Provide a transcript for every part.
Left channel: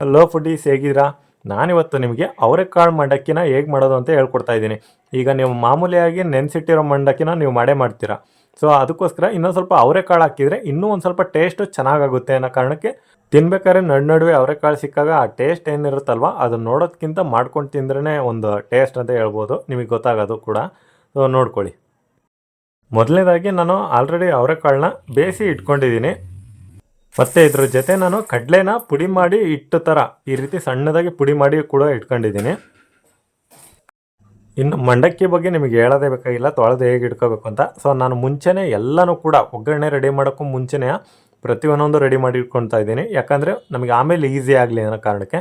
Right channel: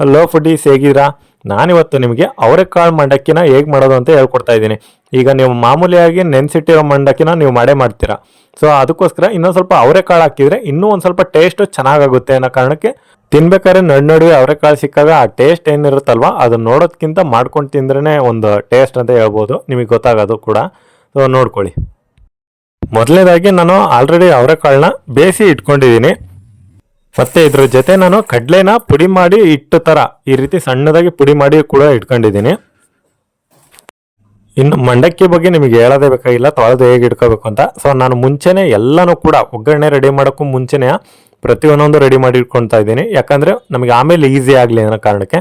Hello foodies ಹೇಗಿದ್ದೀರಾ? ನಾನಿವತ್ತು ನಿಮಗೆ ಅವರೆಕಾಳು ಮಂಡಕ್ಕಿನ ಹೇಗೆ ಮಾಡೋದು ಅಂತ ಹೇಳ್ಕೊಡ್ತಾ ಇದ್ದೀನಿ. ಈಗ ನೀವು ಮಾಮೂಲಿಯಾಗಿ ನೆನೆಸಿಟ್ಟಿರೋ ಮಂಡಕ್ಕಿನ ನೀವು ಮಾಡೇ ಮಾಡ್ತೀರಾ. ಸೊ ಅದಕ್ಕೋಸ್ಕರ ಇನ್ನೊಂದು ಸ್ವಲ್ಪ ಅವರೆಕಾಳು ಹಾಕಿದರೆ ಇನ್ನೂ ಒಂದು ಸ್ವಲ್ಪ ಟೇಸ್ಟು ಚೆನ್ನಾಗಾಗುತ್ತೆ ಅನ್ನೋ ಕಾರಣಕ್ಕೆ ತಿನ್ಬೇಕಾದ್ರೆ ನಡು ನಡುವೆ ಅವರೆಕಾಳು ಸಿಕ್ಕಾಗ ಆ ಟೇಸ್ಟ್ ಏನಿರುತ್ತಲ್ವ ಅದನ್ನ ನೋಡೋದಕ್ಕಿಂತ ಮಾಡ್ಕೊಂಡು ತಿಂದ್ರೇ ಒಂದು ಟೇಸ್ಟ್ ಅಂತ ಹೇಳ್ಬೋದು. ನಿಮಗೆ ಗೊತ್ತಾಗೋದು ಕೂಡ. ಸೊ ನೋಡ್ಕೊಳ್ಳಿ. ಮೊದಲನೇದಾಗಿ ನಾನು ಆಲ್ರೆಡಿ ಅವರೆಕಾಳನ್ನ ಬೇಯಿಸಿ ಇಟ್ಕೊಂಡಿದ್ದೀನಿ. ಮತ್ತೆ ಇದ್ರ ಜೊತೆ ನಾನು ಕಡಲೆನ ಪುಡಿ ಮಾಡಿ ಇಟ್ಟು ತರ ಈ ರೀತಿ ಸಣ್ಣದಾಗಿ ಪುಡಿ ಮಾಡಿ ಕೂಡ ಇಟ್ಕೊಂಡಿದ್ದೀನಿ. ಇನ್ನು ಮಂಡಕ್ಕಿ ಬಗ್ಗೆ ನಿಮಗೆ ಹೇಳೋದೇ ಬೇಕಾಗಿಲ್ಲ, ತೊಳೆದು ಹೇಗೆ ಇಟ್ಕೋಬೇಕು ಅಂತ. ಸೊ ನಾನು ಮುಂಚೆನೆ ಎಲ್ಲನೂ ಕೂಡ ಒಗ್ಗರಣೆ ರೆಡಿ ಮಾಡೋಕ್ಕೂ ಮುಂಚೆನೆ ಪ್ರತಿಯೊಂದೊಂದು ರೆಡಿ ಮಾಡಿ ಇಟ್ಕೊಳ್ತಾ ಇದ್ದೀನಿ. ಯಾಕಂದ್ರೆ ನಮಗೆ ಆಮೇಲೆ ಈಸಿ ಆಗಲಿ ಅನ್ನೋ ಕಾರಣಕ್ಕೆ.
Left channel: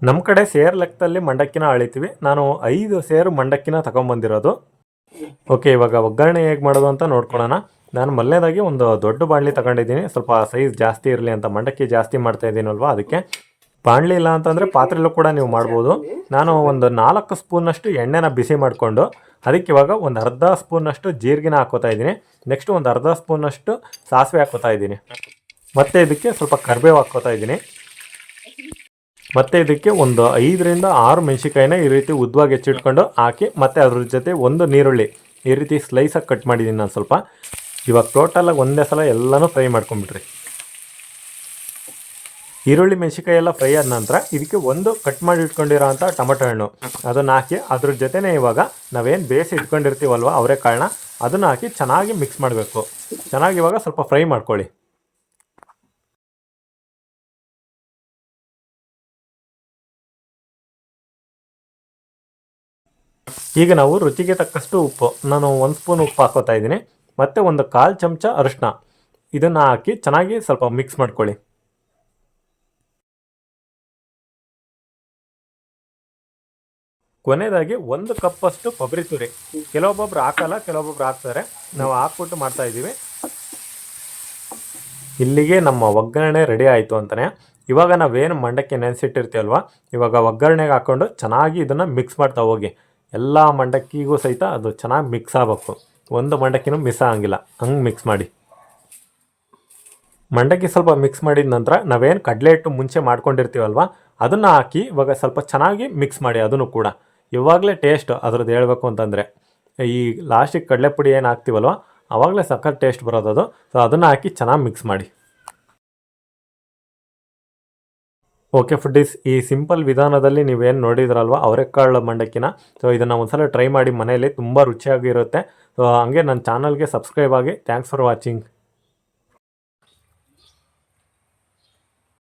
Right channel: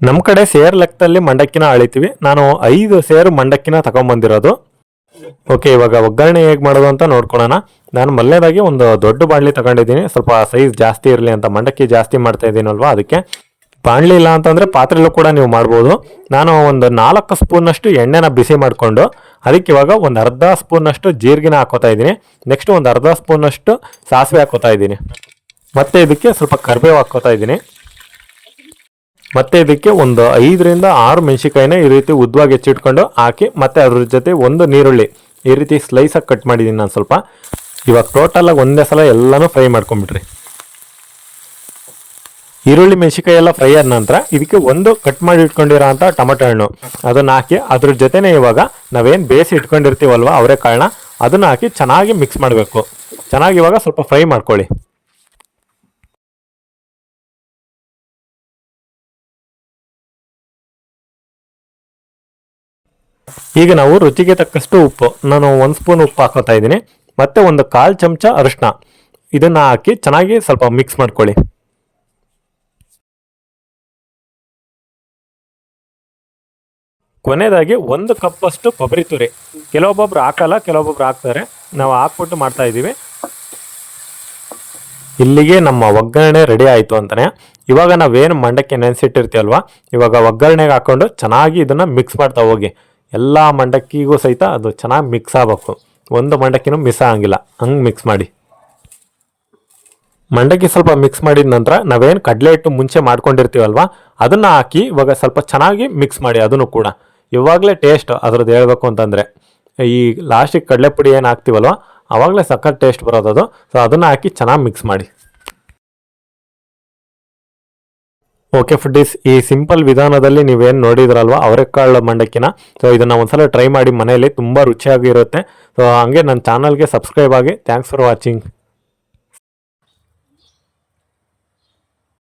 ನಮ್ಮ ಕಡೆ ಸೇರ್ ಲೆಕ್ಕದಲ್ಲಿ ಮಂಡಕ್ಕಿನ ಅಳಿತೀವಿ. ನಾನು ಐದು ಸೇರು ಮಂಡಕ್ಕಿನ ತಗೊಂಬಂದಿರೋದು. ಓಕೆ ಇವಾಗ ಒಗ್ಗರಣೆ ಹೇಗೆ ಮಾಡೋದು ಅಂತ ನೋಡ್ಕೊಳ್ಳೋಣ ನಾನು ಮೊದಲನೇದಾಗಿ ಒಂದು ದೊಡ್ಡ ಬಾಣಲಿ ತಗೊಂಡಿದ್ದೀನಿ. ಸ್ವಲ್ಪ ಸೈಜ್ ಜಾಸ್ತಿ ಇರಲಿ ಅಂತ, ಮಂಡಕ್ಕಿ ಜಾಸ್ತಿ ಮಾಡ್ತಾ ಇದ್ದೀನಲ್ವಾ ಅದಕ್ಕೆ. ಬಾಣಲಿ ಇಲ್ಲ ಅಂತಂದರೆ ಪಾತ್ರೆಲ್ಲೂ ಕೂಡ ನೀವು ಮಾಡ್ಬೋದು. ನಾನು ಒಂದು ನಾಲ್ಕು ಸ್ಪೂನಷ್ಟು ಎಣ್ಣೆನ ಬಿಸಿ ಮಾಡಿಕೊಂಡು, ಅದಕ್ಕೆ ಇವಾಗ ಒಂದು ಅರ್ಧ ಸ್ಪೂನಷ್ಟು ಜೀರಿಗೆನ ಹಾಕೋತಾ ಇದ್ದೀನಿ. ನೆಕ್ಸ್ಟ್ ಒಂದು ಅರ್ಧ ಸ್ಪೂನಷ್ಟು ಸಾಸಿವೆ ಹಾಕೋತಾ ಇದ್ದೀನಿ. ಮತ್ತೆ ಇದಕ್ಕೆ ಸ್ವಲ್ಪ ಕರಿಬೇವು ಹಾಕೋತಾ ಇದ್ದೀನಿ. ಮತ್ತೆ ಇದಕ್ಕೆ ಒಂದು ಐದರಿಂದ ಆರು ಮೆಣಸಿಕಾಯಿನ ಈ ರೀತಿ ಉದ್ದವಾಗಿ ಹೆಚ್ಚಿಟ್ಕೊಂಡು ಹಾಕಿ ಮತ್ತೆ ಅದ್ರ ಜೊತೆ ಒಂದು ನೀರುಳ್ಳಿ ಈ ರೀತಿ ಸ್ಲೈಸಾಗಿ ಕಟ್ ಮಾಡಿದ್ದೀನಿ ನಾನು ಸ್ವಲ್ಪ. ಇವಾಗ ಟೋಟಲಾಗಿ ಒಂದೇ ಸಲ ಎಲ್ಲನೂ ಫ್ರೈ ಮಾಡ್ಕೊಂಬಿಟ್ರಿ ಈರುಳ್ಳಿ ಮೆಣಸಿಕಾಯಿ ಎಲ್ಲ ಫ್ರೈ ಆದ ನಂತರ ಇದಕ್ಕೆ ಒಂದು ಕಟ್ ಮಾಡಿ ಇಟ್ಕೊಂಡಿರೋ ಅಂತ ಟೊಮೆಟೊ ಹಣ್ಣು. ಅದನ್ನು ಹಾಕಿ ಅದ್ರ ಜೊತೆನೇ ಇವಾಗ ನಾವೇನು ಬೇಯಿಸಿ ಇಟ್ಕೊಂಡಿರ್ತೀವಲ್ವ ಅವರೇ ಕಾರಣ ಅದನ್ನು ಹಾಕಿ ಚೆನ್ನಾಗಿ ಮಿಕ್ಸ್ ಮಾಡಬೇಕು. ಚೆನ್ನಾಗಿ ಇವಾಗ ಸ್ವಲ್ಪ ಫ್ರೈ ಮಾಡ್ಕೊಳ್ಳಿ. ಈಗ ನಾವು ರುಚಿಗೆ ತಕ್ಕಷ್ಟು ಉಪ್ಪು. ನಾನು ಒಂದು ಸ್ಪೂನ್ ಉಪ್ಪು ಹಾಕೋತಾ ಇದ್ದೀನಿ. ಮತ್ತು ಒಂದು ಕಾಲು ಚಮಚ ಅರಿಶಿನ ಇದನ್ನು ಹಾಕಿ ಚೆನ್ನಾಗಿ ಸ್ವಲ್ಪ ಮಿಕ್ಸ್ ಮಾಡ್ಕೊಳ್ಳಿ. ಕೊನೆಯದಾಗಿ ಒಂದು ಕಪ್ಪಷ್ಟು ಕೊಬ್ಬರಿ ತುರಿ. ಕೆಲವೊಬ್ಬೊಬ್ರು ಹಾಕಲ್ಲ, ಕೆಲವೊಬ್ಬೊಬ್ರು ಹಾಕ್ತಾರೆ. ನಾವು ಹಾಕ್ಬಿಟ್ಟು ಮಾಡ್ತಾ ಇದ್ದೀವಿ. ಇಲ್ಲಿಗೆ ನಮ್ಮ ಒಗ್ಗರಣೆ ರೆಡಿ ಆಯಿತು ಅಂತಾನೆ. ಇವಾಗ ನಾವೇನು ಮಂಡಕ್ಕೆ ನೆನೆಸಿಟ್ಟಿರ್ತೀವಲ್ವ ಇವಾಗ ಒಗ್ಗರಣೆಗೆ ಹಾಕೊಂಡು ಚೆನ್ನಾಗಿ ಇದನ್ನು ಮಿಕ್ಸ್ ಮಾಡ್ತಾ ಹೋಗಿ. ಎಲ್ಲ ಮಂಡಕ್ಕಿಗೂ ಸಹಿತ ಅದು ಚೆನ್ನಾಗಿ ಮಿಕ್ಸ್ ಆಗಬೇಕು. ಒಂದು ಮಂಡಕ್ಕಿನೂ ಮಿಸ್ ಆಗಂಗಿಲ್ಲ. ಹಂಗೆ ಮಿಕ್ಸ್ ಮಾಡಿ. ಮಂಡಕ್ಕಿ ಸ್ವಲ್ಪ ಮಿಕ್ಸ್ ಮಾಡಿದ ನಂತರ ನಾವೇನು ಕಡಲೆ ಹಿಟ್ಟು ಮುಂಚೆ ಮಾಡ್ಕೊಂಡಿರ್ತೀವಲ್ವ, ಅದನ್ನು ಹಾಕಿ ಇವಾಗ ಸ್ವಲ್ಪ ಚೆನ್ನಾಗಿ ಮಿಕ್ಸ್ ಮಾಡಿ ಅದನ್ನು ಕೂಡ. ಇವಾಗಲೇ ಟೇಸ್ಟ್ ಅದ್ರದ್ದು ಹೇಳಬೇಕು ಅಂತಂದರೆ, ಈ ಲಾಸ್ಟಿಗೆ ಕಡಲೆ ಪುಡಿ ಏನು ಹಾಕ್ತೀವಲ್ವ ಆವಾಗಲೇ ಸಖತ್ ಟೇಸ್ಟ್ ಬರೋದು ಅದು. ಸೊ ಅದನ್ನು ಹಾಕಿ ಚೆನ್ನಾಗಿ ಮಿಕ್ಸ್ ಮಾಡಿ. ಓಕೆ ಫುಡ್ಡೀಸ್ ಈ ಸಿಂಪಲ್ ವಿಧಾನದಲ್ಲಿ ನೀವೇನು ನೋಡಿದ್ರಲ್ವ, ಅವರೆಕಾಳು ಮಂಡಕ್ಕಿನ? ಸೊ ಇದನ್ನು ಒಂದ್ಸಲ ಟ್ರೈ ಮಾಡಿ ಮನೆಯಲ್ಲಿ ತುಂಬ ರುಚಿಯಾಗಿರುತ್ತೆ. ಸೊ ಹಂಗೆ ನನ್ನ ಚಾನಲ್ಗೆ ಸಬ್ಸ್ಕ್ರೈಬ್ ಆಗಿ ಥ್ಯಾಂಕ್ಸ್ ಫಾರ್ ವಾಚಿಂಗ್